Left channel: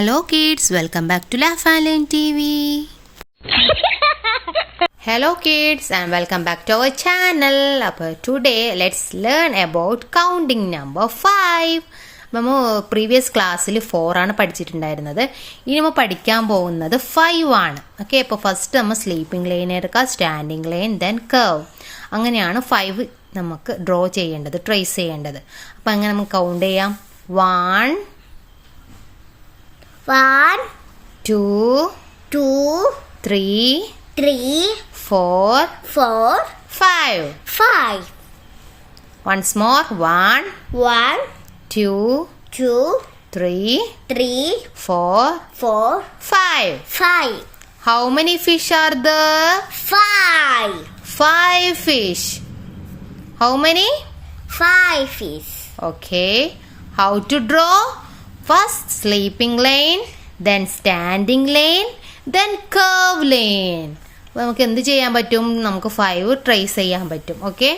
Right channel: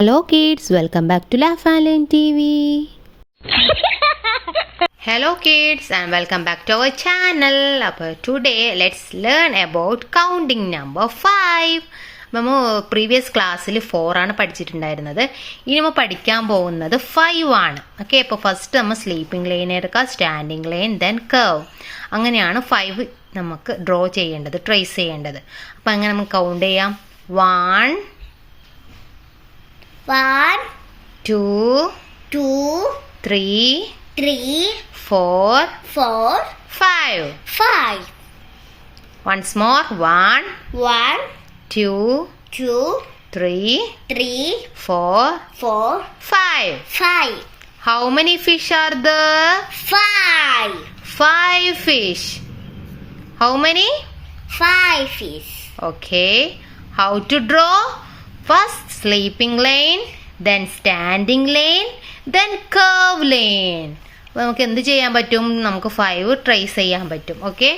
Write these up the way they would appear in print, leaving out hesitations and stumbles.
Hello kids, welcome back to Laugh and Learn TV. Hello kids and welcome back to our channel. Today let's learn about counting number 5. നമ്മൾ previous ക്ലാസ്സിൽ 4 ആണ് പഠിച്ചിട്ടുണ്ടായിരുന്നത്. ഇനി നമ്മൾ പഠിക്കാൻ പോകുന്നത് 5 ആണ്. ഓക്കെ, അപ്പോൾ ഫസ്റ്റ് നമ്മൾ സ്ലീപ്പിംഗ് ലൈൻ എടുക്കുക, സ്റ്റാൻഡിംഗ് ലൈൻ, ദെൻ കർവ്. അങ്ങനെയാണ് 5 നമുക്ക് ഡ്രോ ചെയ്യേണ്ടത്, ട്രേസ് ചെയ്യേണ്ടത്. അപ്പോൾ അങ്ങനെ നമുക്ക് കൗണ്ട് ചെയ്യാം. 1 2 3 4 5. Once more. 1 2 3 4 5. How many fish are there? 5 fish. How many? 5 fish. Okay. How to draw? First sleeping lane, then standing lane, then curve lane. നമുക്ക് എന്ത് ചെയ്യാൻ പറ്റും? നമുക്ക് 5 ട്രേസ് ചെയ്യാൻ പറ്റും. ഓക്കെ,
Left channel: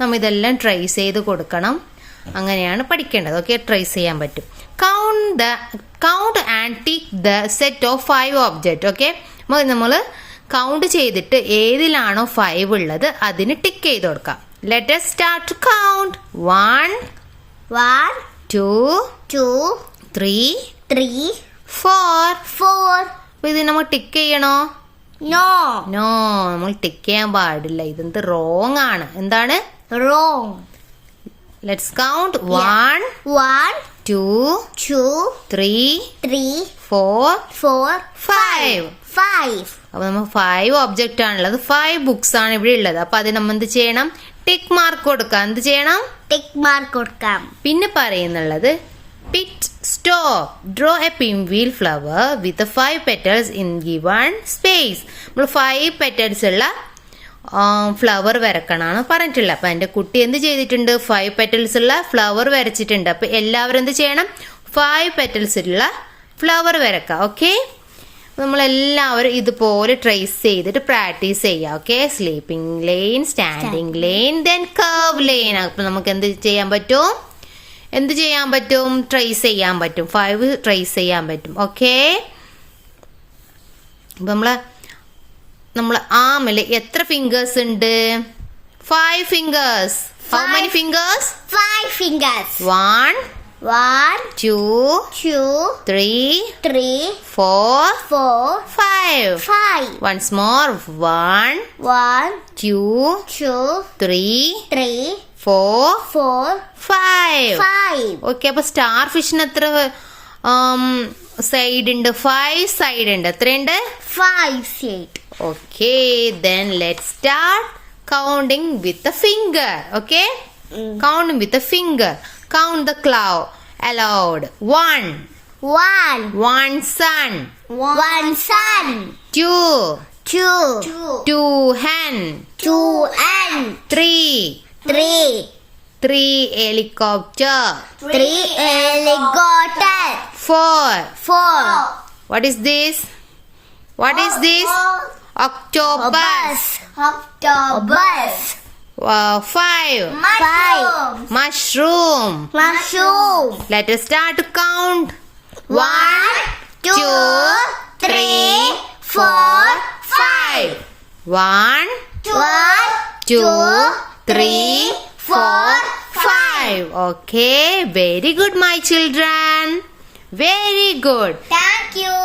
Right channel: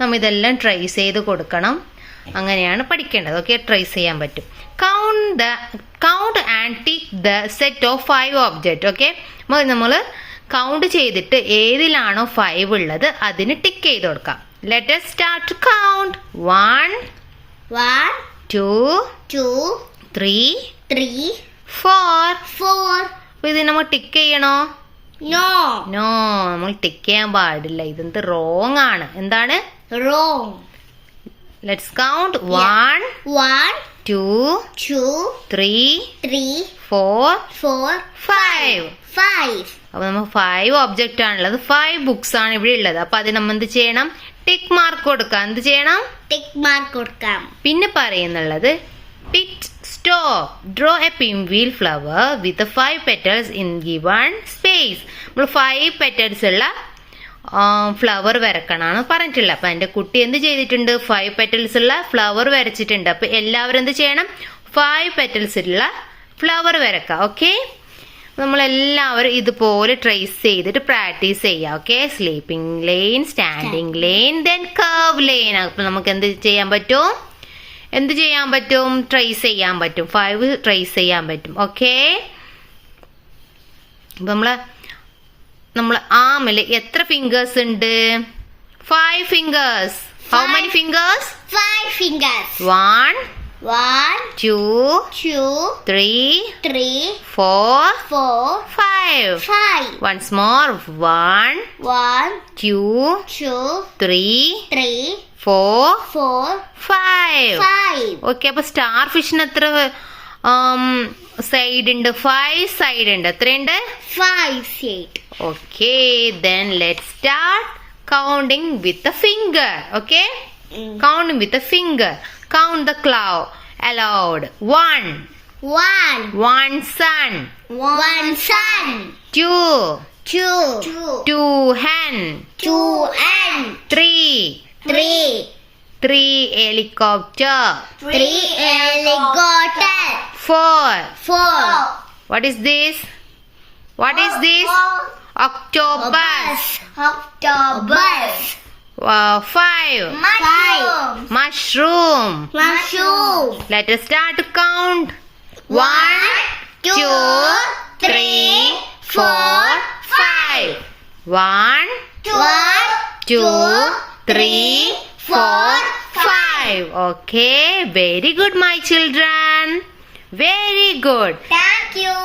നമ്മൾ ഇതെല്ലാം ട്രേസ് ചെയ്ത് കൊടുക്കണം. അങ്ങനെയാണ് പഠിക്കേണ്ടത്. ഓക്കെ, ട്രേസ് ചെയ്യാൻ പറ്റും. Count and tick the set of 5 object. Okay, നമ്മൾ കൗണ്ട് ചെയ്തിട്ട് ഏതിലാണോ 5 ഉള്ളത് അതിന് ടിക്ക് ചെയ്ത് കൊടുക്കാം. Let us start to count. 1 2 3 4. അപ്പൊ ഇത് നമ്മൾ ടിക്ക് ചെയ്യണോ? നോ, നമ്മൾ ടിക്ക് ചെയ്യാൻ പാടില്ല. ഇതെന്ത് റോങ് ആണ്. എന്താണ് Wrong. Let's count. 1 2 3 4 5. അപ്പൊ നമ്മൾ 5 ഒബ്ജക്റ്റ് ആണുള്ളത്, 5 ബുക്സ് ആണ് ഇവിടെ ഉള്ളത്. അപ്പൊ അത് നമ്മൾ എന്ത് ചെയ്യണം? ടിക്ക് മാർക്ക് കൊടുക്കാം. എന്ത് ചെയ്യണം? ടിക്ക് മാർക്ക് കൊടുക്കാം. പിന്നെ പറയുന്നുള്ളത് pit stop. Draw a pinwheel flower with 5 petals in given space. നമ്മൾ 5 petals ഉള്ള ഫ്ലവർ വരക്കണാണ് പറഞ്ഞിട്ടുള്ളത്. അപ്പൊ എന്റെ കുട്ടി എന്ത് ചെയ്തിട്ടുണ്ട്? 5 petals ഉള്ള ഫ്ലവർ വരച്ചിട്ടുണ്ട്. അപ്പൊ എല്ലാവരും എന്ത് ചെയ്യണം? 5 petals ഉള്ള ഫ്ലവർ വരക്കാം. ഓക്കെ, നമ്മളെല്ലാവരും ഇതുപോലെ ട്രേസ് ചെയ്തിട്ട് പ്രാക്ടീസ് ചെയ്യാം. Okay, sleeping line, standing line, then curve line. അപ്പൊ നമുക്ക് എന്ത് ചെയ്യാൻ പറ്റും? ട്രേസ് ചെയ്യാൻ പറ്റും. 5 ട്രേസ് ചെയ്യാൻ പറ്റും. ഓക്കെ, നമ്മള് ആമില് എത്ര ഫിംഗേഴ്സ് ഉണ്ട്? 5 fingers. How many fingers? 5 fingers. 1 2 3 4 5. Once more. 1 2 3 4 5. Okay, അപ്പൊ സ്റ്റാർ ഫിഷിന് എത്ര സൈഡ് ഉണ്ട്? 5 സൈഡ് ഉണ്ട്. എത്രയുണ്ട്? 5 side. Okay, then let's start counting with a finger. Okay, counting with a finger. Count the cloud aloud. 1 sun. 2 hen. 3 helicopter. 4 What is this? Octopus. 5 mushroom. Let us start to count. 1 2 3 4 5. 1 2 3 4 5. Okay, very good my children, very good. Thank you.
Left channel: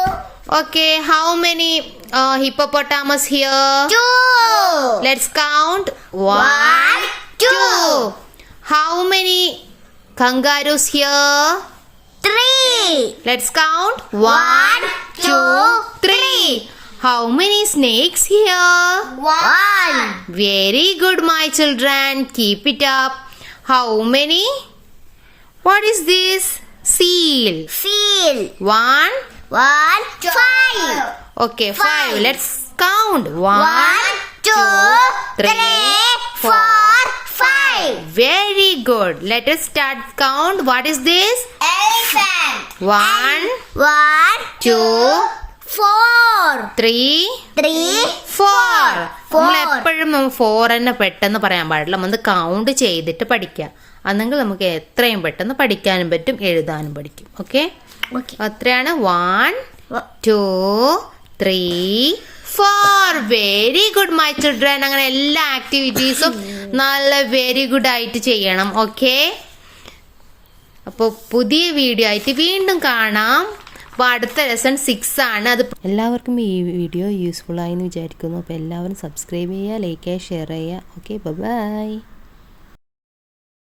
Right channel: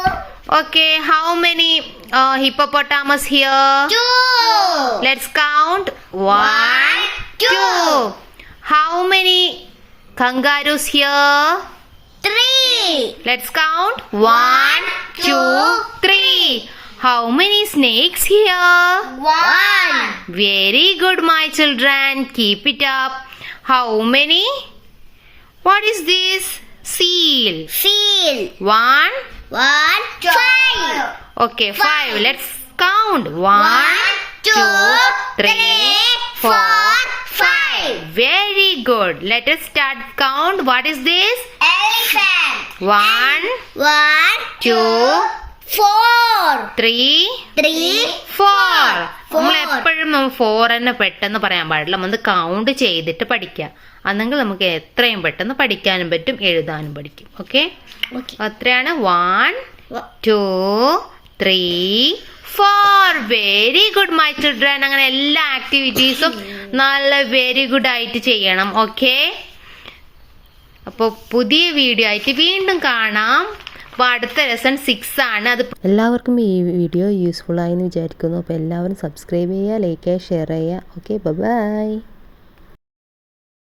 Okay, how many hippopotamus here? 2. Let's count. 1 2. How many kangaroos here? 3. Let's count. 1 2 3. How many snakes here? 1. Very good my children, keep it up. How many? What is this? Seal. 1 5. Okay, 5. Let's count. 1 2 3 4 5. Very good. Let us start count. What is this? Elephant. 1 2 3 4. നമ്മൾ എപ്പോഴും 4 തന്നെ പെട്ടെന്ന് പറയാൻ പാടില്ല. നമ്മൾ count ചെയ്തിട്ട് പഠിക്കുക. അന്നെങ്കിൽ നമുക്ക് എത്രയും പെട്ടെന്ന് പഠിക്കാനും പറ്റും, എഴുതാനും പഠിക്കും. ഓക്കെ. Okay. എത്രയാണ് 1 2 3 4 വെരി ഗുഡ് മൈ ചിൽഡ്രൻ. അങ്ങനെ എല്ലാ ആക്ടിവിറ്റീസും നല്ല വെരി ഗുഡ് ആയിട്ട് ചെയ്യണം. ഓക്കെ, അപ്പോൾ പുതിയ വീഡിയോ ആയിട്ട് വീണ്ടും കാണാം. അപ്പോൾ അടുത്ത ലെസൺ 6 ആണ്. അത് എല്ലാവർക്കും ഈ വീഡിയോ യൂസ്ഫുൾ ആയി എന്ന് വിചാരിക്കുന്നു. അപ്പോൾ എല്ലാവരും സബ്സ്ക്രൈബ് ചെയ്യുക, ലൈക്ക് ചെയ്യുക, ഷെയർ ചെയ്യുക. Okay, by.